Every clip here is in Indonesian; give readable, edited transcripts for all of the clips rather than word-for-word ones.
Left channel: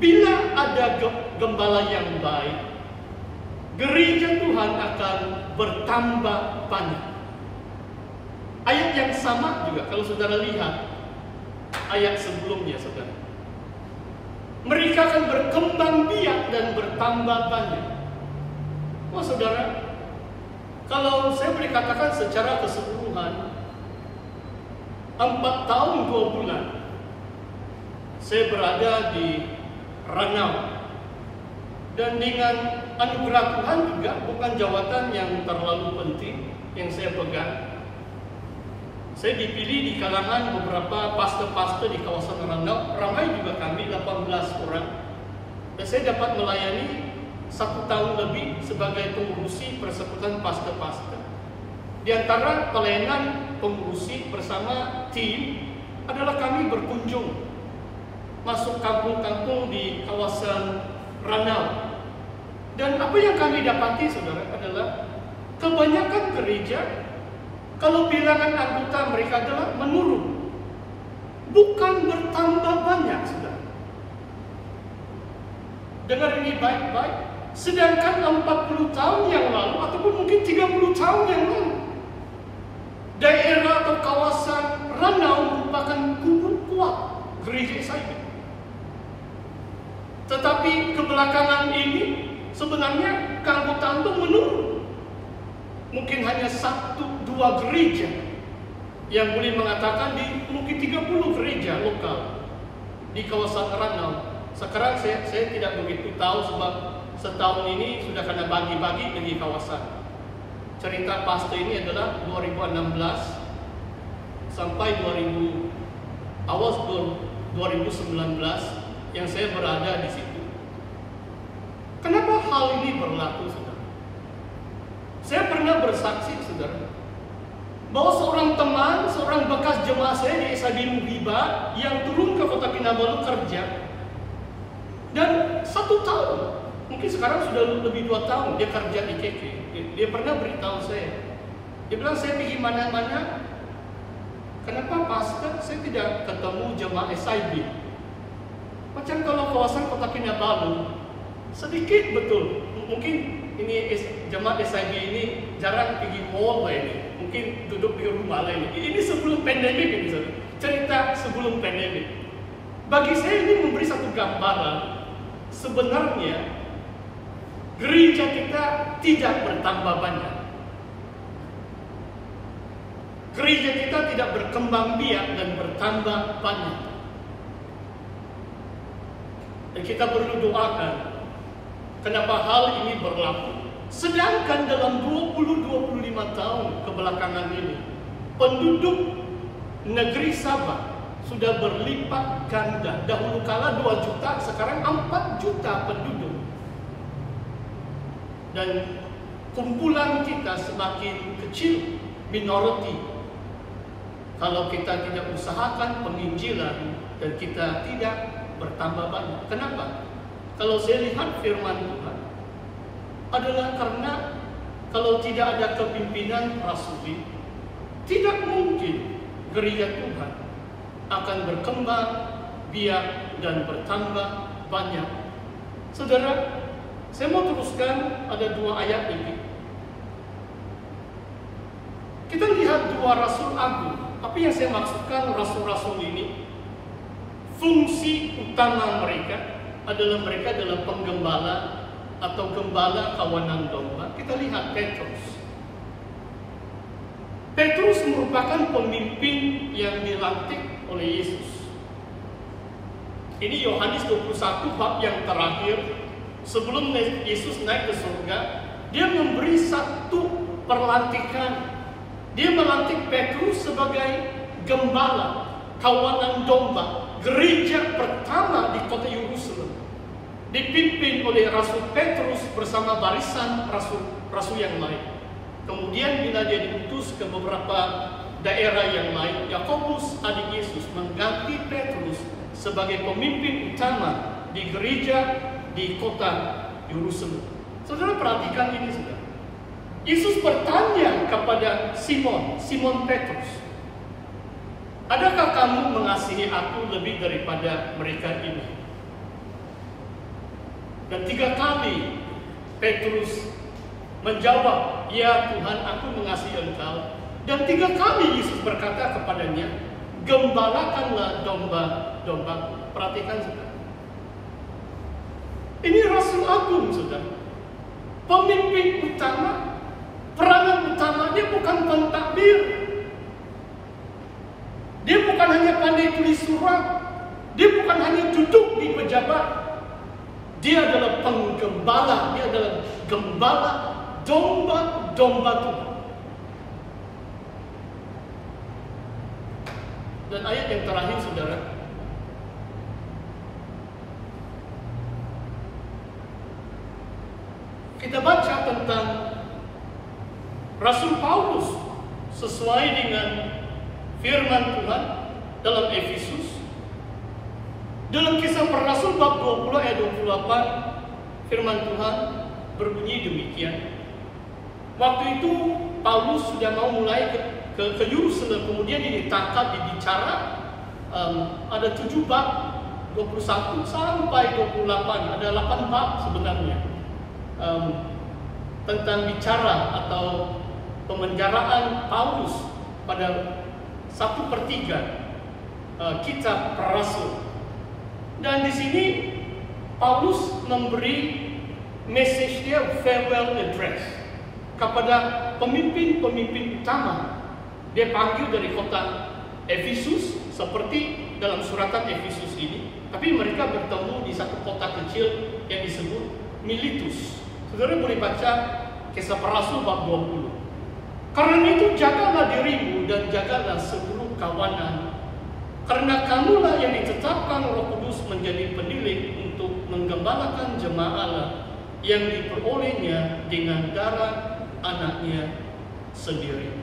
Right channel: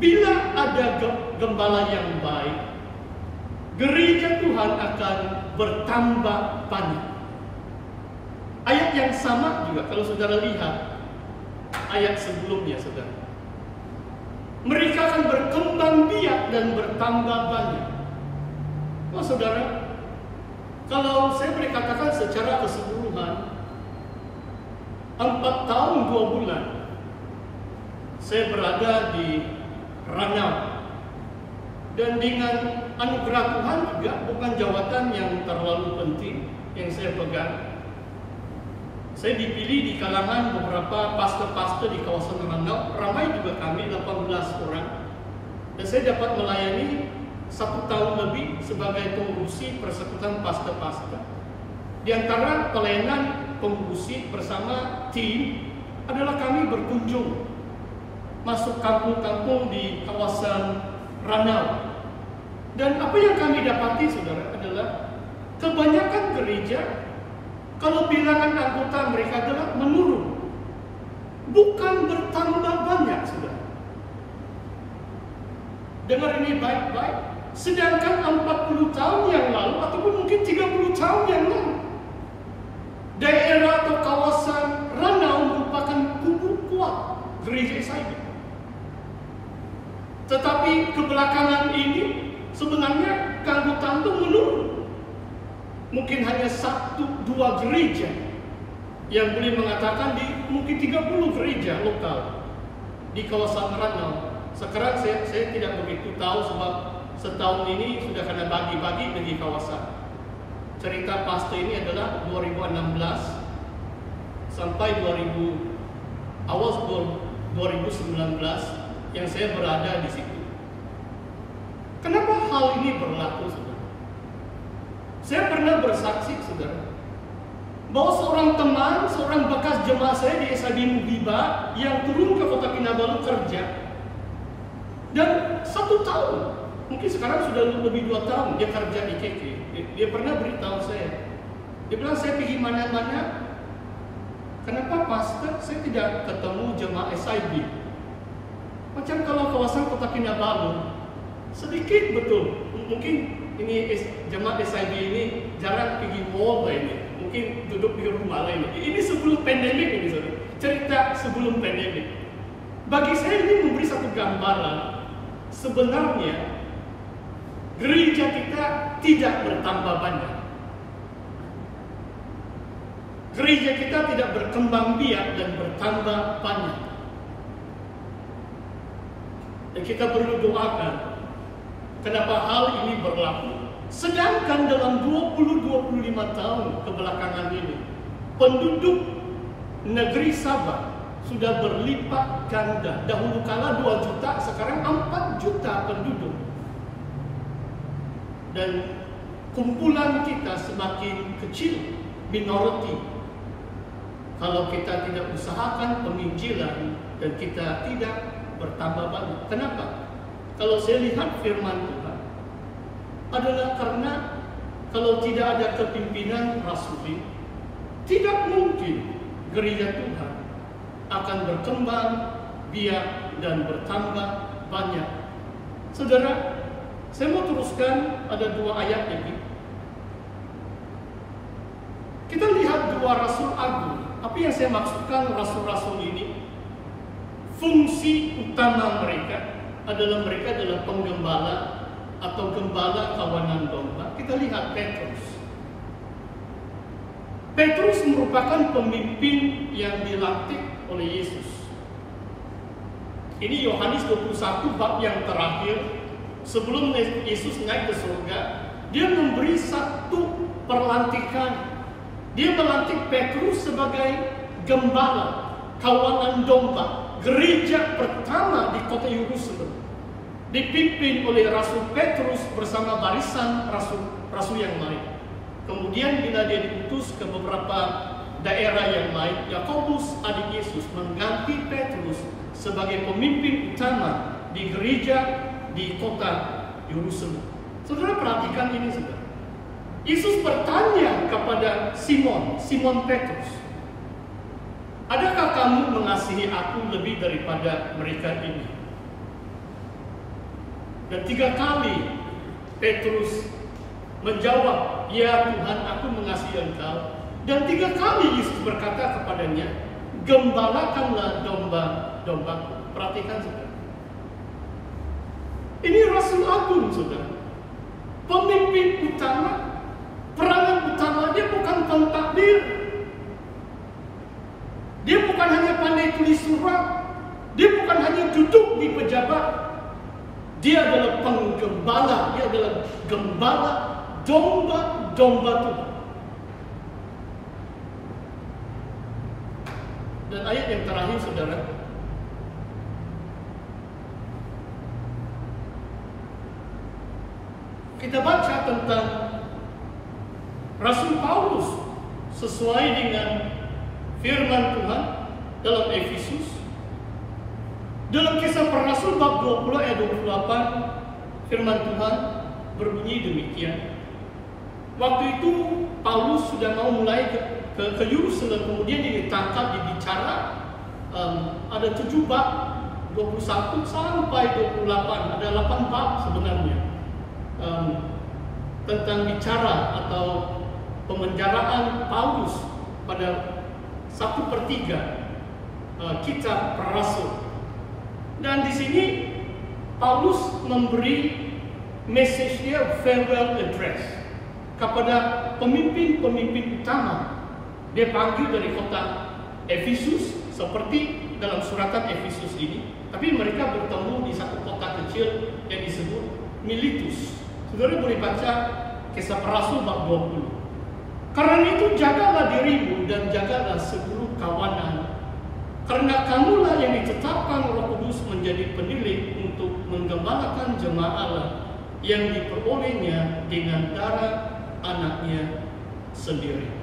bila ada gembala yang baik, gereja Tuhan akan bertambah banyak. Ayat yang sama juga kalau saudara lihat ayat sebelumnya, saudara. Mereka akan berkembang biak dan bertambah banyak. Oh saudara, kalau saya boleh katakan secara keseluruhan, 4 tahun 2 bulan saya berada di Ranau. Dan dengan anugerah Tuhan juga, bukan jawatan yang terlalu penting yang saya pegang. Saya dipilih di kalangan beberapa pastor-pastor di kawasan Ranau. Ramai juga kami, 18 orang. Dan saya dapat melayani 1 tahun lebih sebagai pengurusi persekutuan pastor-pastor. Di antara pelayanan pengurusi bersama tim adalah kami berkunjung masuk kampung-kampung di kawasan Ranau. Dan apa yang kami dapati, saudara, adalah kebanyakan gereja, kalau bilangan anggota mereka adalah menurun, bukan bertambah banyak, saudara. Dengar ini baik-baik. Sedangkan 40 tahun yang lalu, ataupun mungkin 30 tahun yang lalu, daerah atau kawasan Ranau merupakan kubu kuat gereja SIB. Tetapi kebelakangan ini sebenarnya keanggotaan itu menurun. Mungkin hanya 1-2 gereja yang boleh mengatakan di mungkin 30 gereja lokal di kawasan Ranau. Sekarang saya tidak begitu tahu sebab setahun ini sudah kena bagi-bagi bagi kawasan. Cerita pasti ini adalah 2016 sampai awal 2019 yang saya berada di situ. Kenapa hal ini berlaku, saudara? Saya pernah bersaksi, saudara, bahwa seorang teman, seorang bekas jemaah saya di SIB Muhibah yang turun ke Kota Kinabalu kerja, dan 1 tahun, mungkin sekarang sudah lebih 2 tahun dia kerja di KK. Dia pernah beritahu saya, dia bilang, saya pergi mana-mana, kenapa pastor saya tidak ketemu jemaah SIB? Macam kalau kawasan Kota Kinabalu sedikit betul, mungkin ini jemaah SIB ini jarang pergi mall lah ini, mungkin duduk di rumah lah ini. Ini sebelum pandemik ini, saudara. Cerita sebelum pandemik. Bagi saya ini memberi satu gambaran, sebenarnya gereja kita tidak bertambah banyak. Gereja kita tidak berkembang biak dan bertambah banyak. Dan kita perlu doakan kenapa hal ini berlaku. Sedangkan dalam 20-25 tahun kebelakangan ini, penduduk negeri Sabah sudah berlipat ganda. Dahulu kala 2 juta, sekarang 4 juta penduduk. Dan kumpulan kita semakin kecil, minority. Kalau kita tidak usahakan penginjilan dan kita tidak bertambah banyak. Kenapa? Kalau saya lihat firman Tuhan, adalah karena kalau tidak ada kepimpinan rasuli, tidak mungkin gereja Tuhan akan berkembang biak dan bertambah banyak. Saudara, saya mau teruskan, ada 2 ayat ini. Kita lihat 2 rasul agung. Apa yang saya maksudkan rasul-rasul ini? Fungsi utama mereka adalah penggembala atau gembala kawanan domba. Kita lihat Petrus. Petrus merupakan pemimpin yang dilantik oleh Yesus. Ini Yohanes 21 bab yang terakhir. Sebelum Yesus naik ke surga, dia memberi satu perlantikan. Dia melantik Petrus sebagai gembala kawanan domba. Gereja pertama di kota Yerusalem dipimpin oleh Rasul Petrus bersama barisan rasul yang lain. Kemudian bila dia diutus ke beberapa daerah yang lain, Yakobus adik Yesus mengganti Petrus sebagai pemimpin utama di gereja di kota Yerusalem. Saudara perhatikan ini, saudara. Yesus bertanya kepada Simon Petrus, adakah kamu mengasihi aku lebih daripada mereka ini? Dan 3 kali Petrus menjawab, "Ya Tuhan, aku mengasihi Engkau." Dan 3 kali Yesus berkata kepadanya, "Gembalakanlah domba-dombaku." Perhatikan saudara. Ini Rasul Agung saudara. Pemimpin utama, peranan utama dia bukan pentadbir. Dia bukan hanya pandai tulis surat. Dia bukan hanya duduk di pejabat. Dia adalah penggembala. Dia adalah gembala domba-domba Tuhan. Dan ayat yang terakhir saudara, kita baca tentang Rasul Paulus sesuai dengan firman Tuhan dalam Efesus. Dalam Kisah Para Rasul bab 20 ayat 28, firman Tuhan berbunyi demikian. Waktu itu Paulus sudah mau mulai ke Yerusalem, kemudian dia ditangkap, dibicara. Ada 7 bab, 21 sampai 28, ada 8 bab sebenarnya. Tentang bicara atau pemenjaraan Paulus pada 1/3 kitab Para Rasul. Dan di sini Paulus memberi message dia, farewell address, kepada pemimpin-pemimpin utama. Dia panggil dari kota Efesus seperti dalam suratan Efesus ini, tapi mereka bertemu di satu kota kecil yang disebut Miletus. Saudara boleh baca Kisah Para Rasul bab 20. Karena itu jagalah dirimu dan jagalah seluruh kawanan, karena kamulah yang ditetapkan Roh Kudus menjadi penilik untuk menggembalakan jemaat Allah yang diperolehnya dengan darah anaknya sendiri.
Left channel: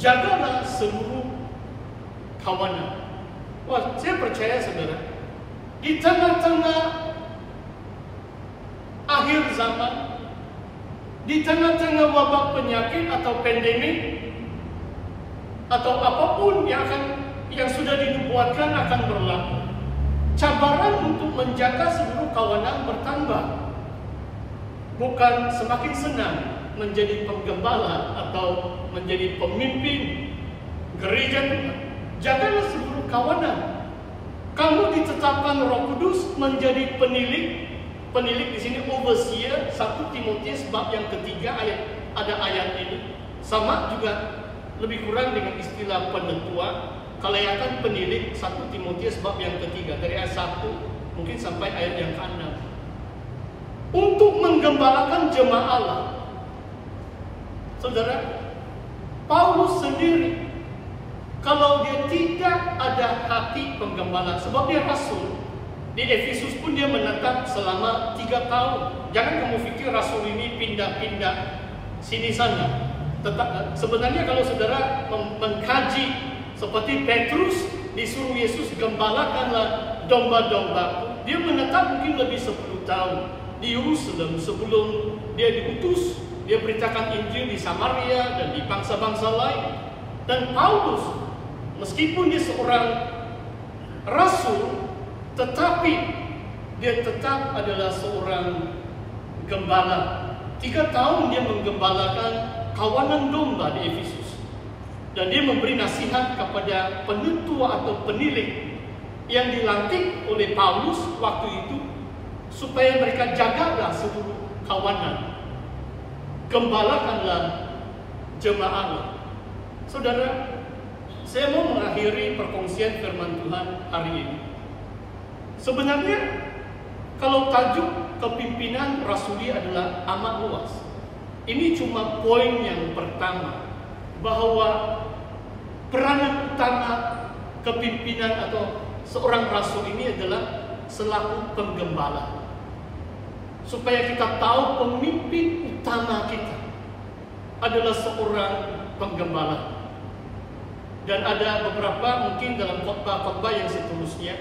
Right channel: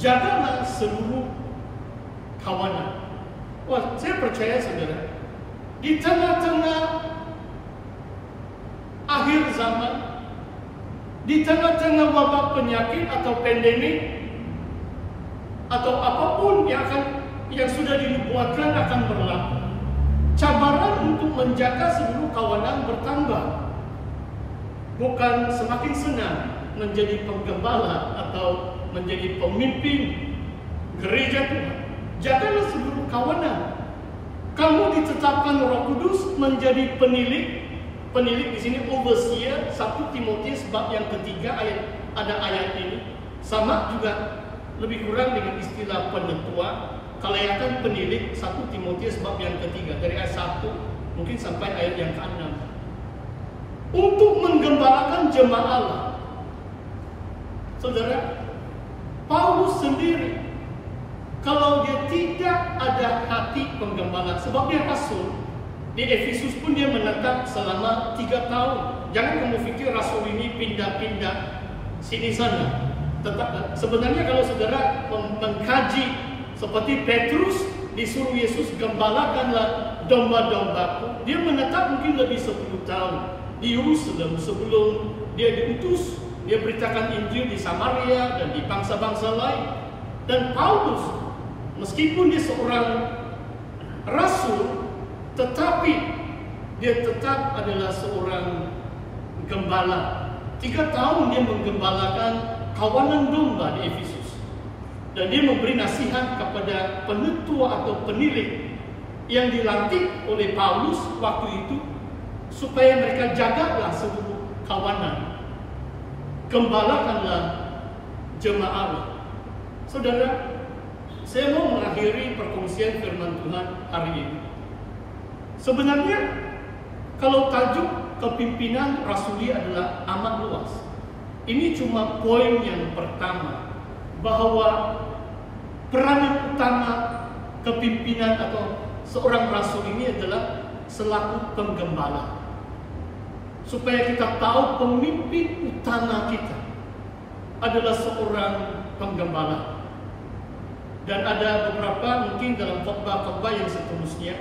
Jagalah seluruh kawanan. Wah, saya percaya saudara, di tengah-tengah akhir zaman, di tengah-tengah wabah penyakit atau pandemik, atau apapun yang sudah dinubuatkan akan berlaku, cabaran untuk menjaga seluruh kawanan bertambah. Bukan semakin senang menjadi penggembala atau menjadi pemimpin gereja Tuhan. Jagalah seluruh kawanan. Kamu ditetapkan Roh Kudus menjadi penilik. Penilik di sini overseer, 1 Timotius bab yang ketiga ada ayat ini. Sama juga lebih kurang dengan istilah penetua, kelayakan penilik, 1 Timotius bab yang ketiga dari ayat 1 mungkin sampai ayat yang ke-6. Untuk menggembalakan jemaat Allah. Saudara, Paulus sendiri kalau dia tidak ada hati penggembala, sebab dia rasul, di Efesus pun dia menetap selama 3 tahun. Jangan kamu pikir rasul ini pindah-pindah sini sana. Sebenarnya kalau saudara mengkaji seperti Petrus disuruh Yesus, gembalakanlah domba-dombaku, dia menetap mungkin lebih 10 tahun di Yerusalem sebelum dia diutus. Dia beritakan Injil di Samaria dan di bangsa-bangsa lain. Dan Paulus, meskipun dia seorang rasul, tetapi dia tetap adalah seorang gembala. 3 tahun dia menggembalakan kawanan domba di Efesus. Dan dia memberi nasihat kepada penetua atau penilik yang dilantik oleh Paulus waktu itu, supaya mereka jagalah seluruh kawanan. Gembalakanlah jemaat. Saudara, saya mau mengakhiri perkongsian firman Tuhan hari ini. Sebenarnya kalau tajuk kepimpinan rasuli adalah amat luas. Ini cuma poin yang pertama, bahwa peranan utama kepimpinan atau seorang rasul ini adalah selaku penggembala. Supaya kita tahu pemimpin utama kita adalah seorang penggembala. Dan ada beberapa mungkin dalam khotbah-khotbah yang seterusnya,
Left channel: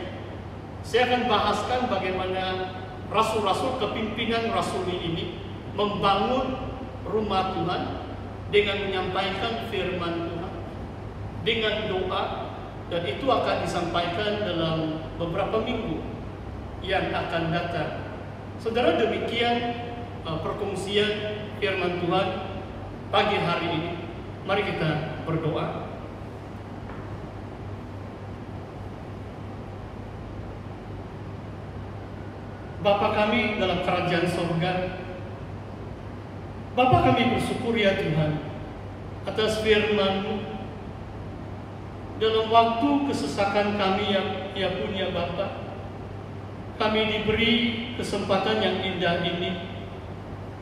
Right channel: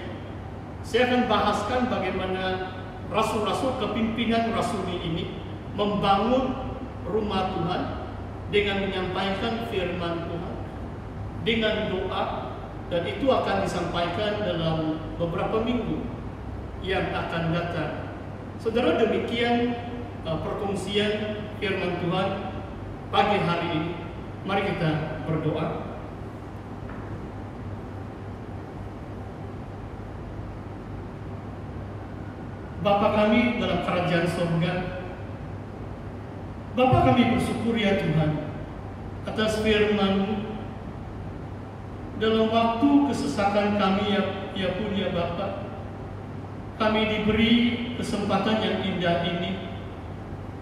saya akan bahaskan bagaimana rasul-rasul kepimpinan rasuli ini membangun rumah Tuhan dengan menyampaikan firman Tuhan, dengan doa, dan itu akan disampaikan dalam beberapa minggu yang akan datang. Saudara, demikian perkongsian firman Tuhan pagi hari ini. Mari kita berdoa. Bapa kami dalam kerajaan sorga, Bapa kami bersyukur ya Tuhan atas firman-Mu. Dalam waktu kesesakan kami ya pun ya Bapa, kami diberi kesempatan yang indah ini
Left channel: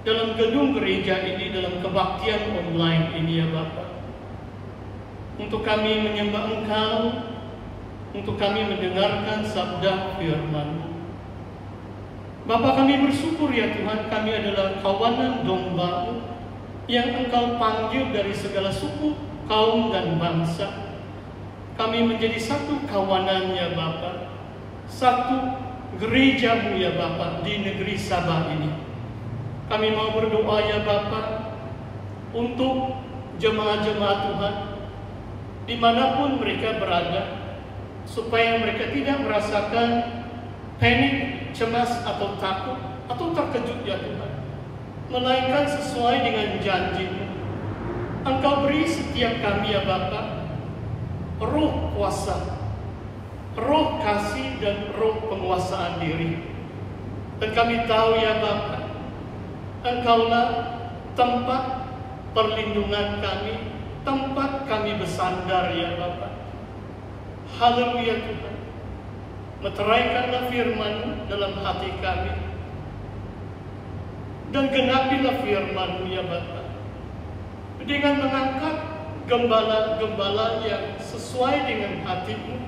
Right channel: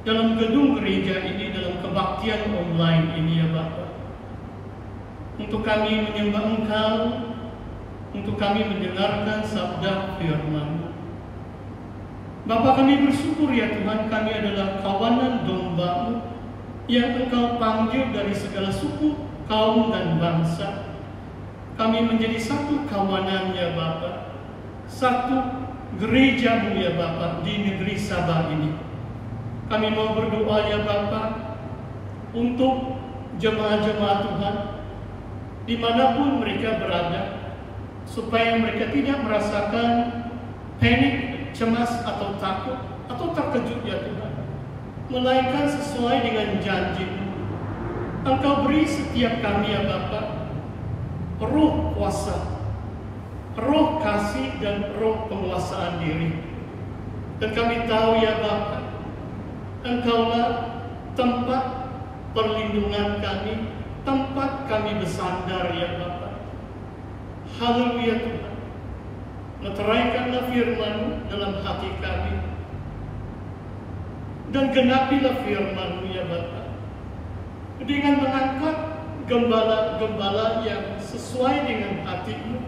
dalam gedung gereja ini, dalam kebaktian online ini ya Bapa, untuk kami menyembah Engkau, untuk kami mendengarkan sabda firman-Mu. Bapa, kami bersyukur ya Tuhan, kami adalah kawanan domba-Mu yang Engkau panggil dari segala suku, kaum, dan bangsa. Kami menjadi satu kawanan ya Bapa, satu gereja-Mu ya Bapa di negeri Sabah ini. Kami mau berdoa ya Bapa untuk jemaat-jemaat Tuhan dimanapun mereka berada, supaya mereka tidak merasakan panik, cemas atau takut atau terkejut ya Tuhan, melainkan sesuai dengan janji-Mu. Engkau beri setiap kami ya Bapa roh kuasa, roh kasih, dan roh penguasaan diri. Dan kami tahu ya Bapa, Engkaulah tempat perlindungan kami, tempat kami bersandar ya Bapa. Haleluya Tuhan. Meteraikanlah firman-Mu dalam hati kami, dan genapilah firman-Mu ya Bapa, dengan mengangkat gembala-gembala yang sesuai dengan hati-Mu,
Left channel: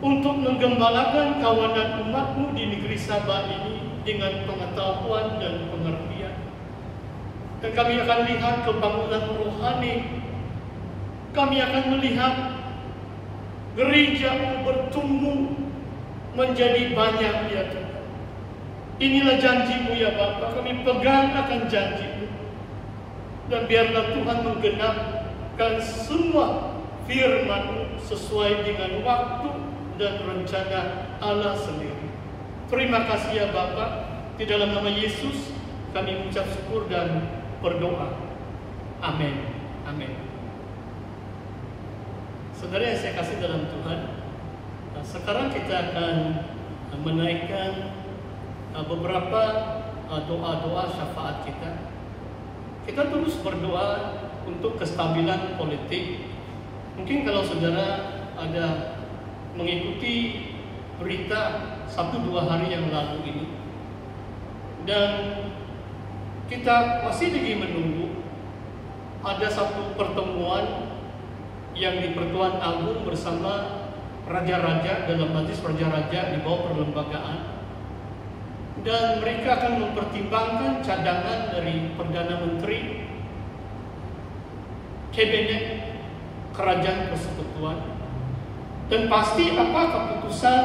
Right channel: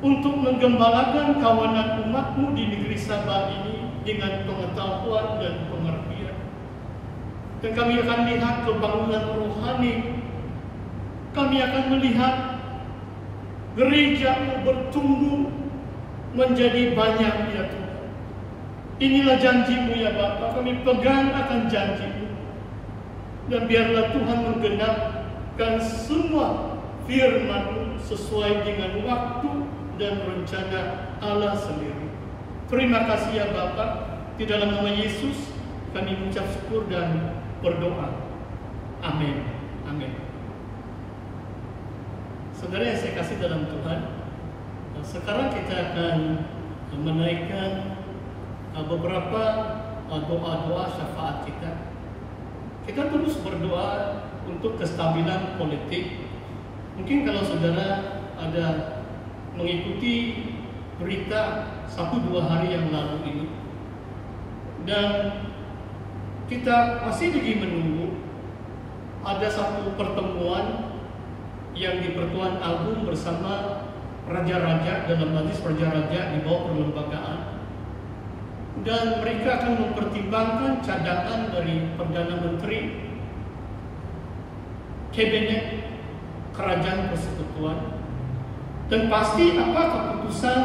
untuk menggembalakan kawanan umat-Mu di negeri Sabah ini dengan pengetahuan dan pengertian. Dan kami akan lihat kebangunan rohani, kami akan melihat gereja-Mu bertumbuh menjadi banyak ya Tuhan. Inilah janji-Mu ya Bapa, kami pegang akan janji-Mu. Dan biarlah Tuhan menggenapkan semua firman-Mu sesuai dengan waktu dan rencana Allah sendiri. Terima kasih ya Bapa. Di dalam nama Yesus kami mengucap syukur dan berdoa. Amin. Amin. Saudara yang saya kasih dalam Tuhan, sekarang kita akan menaikkan beberapa doa-doa syafaat kita. Kita terus berdoa untuk kestabilan politik. Mungkin kalau saudara ada mengikuti berita 1-2 hari yang lalu ini, dan kita masih lagi menunggu ada satu pertemuan yang di Pertuan Agung bersama raja-raja dalam majlis raja-raja di bawah perlembagaan, dan mereka akan mempertimbangkan cadangan dari Perdana Menteri, Kabinet Kerajaan Persekutuan, dan pasti apa keputusan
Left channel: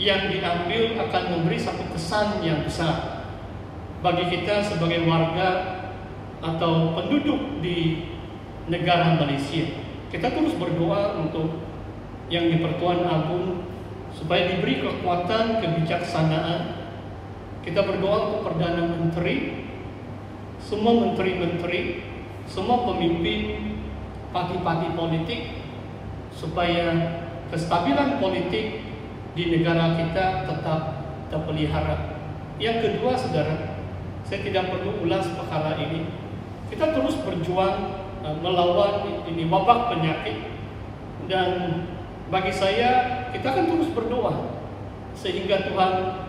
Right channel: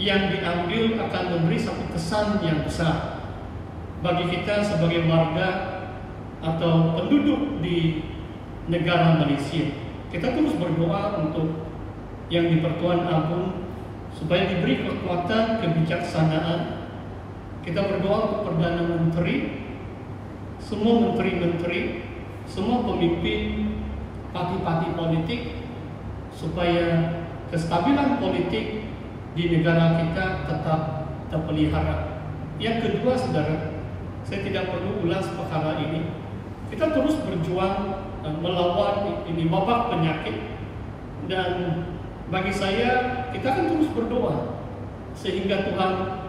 yang diambil akan memberi satu kesan yang besar bagi kita sebagai warga atau penduduk di negara Malaysia. Kita terus berdoa untuk yang di Pertuan Agung supaya diberi kekuatan kebijaksanaan. Kita berdoa untuk Perdana Menteri, semua menteri-menteri, semua pemimpin parti-parti politik, supaya kestabilan politik di negara kita tetap terpelihara. Yang kedua, saudara, saya tidak perlu ulas perkara ini. Kita terus berjuang melawan ini wabak penyakit, dan bagi saya kita akan terus berdoa sehingga Tuhan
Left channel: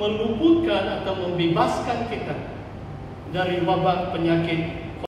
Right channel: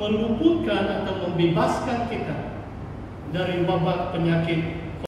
meluputkan atau membebaskan kita dari wabak penyakit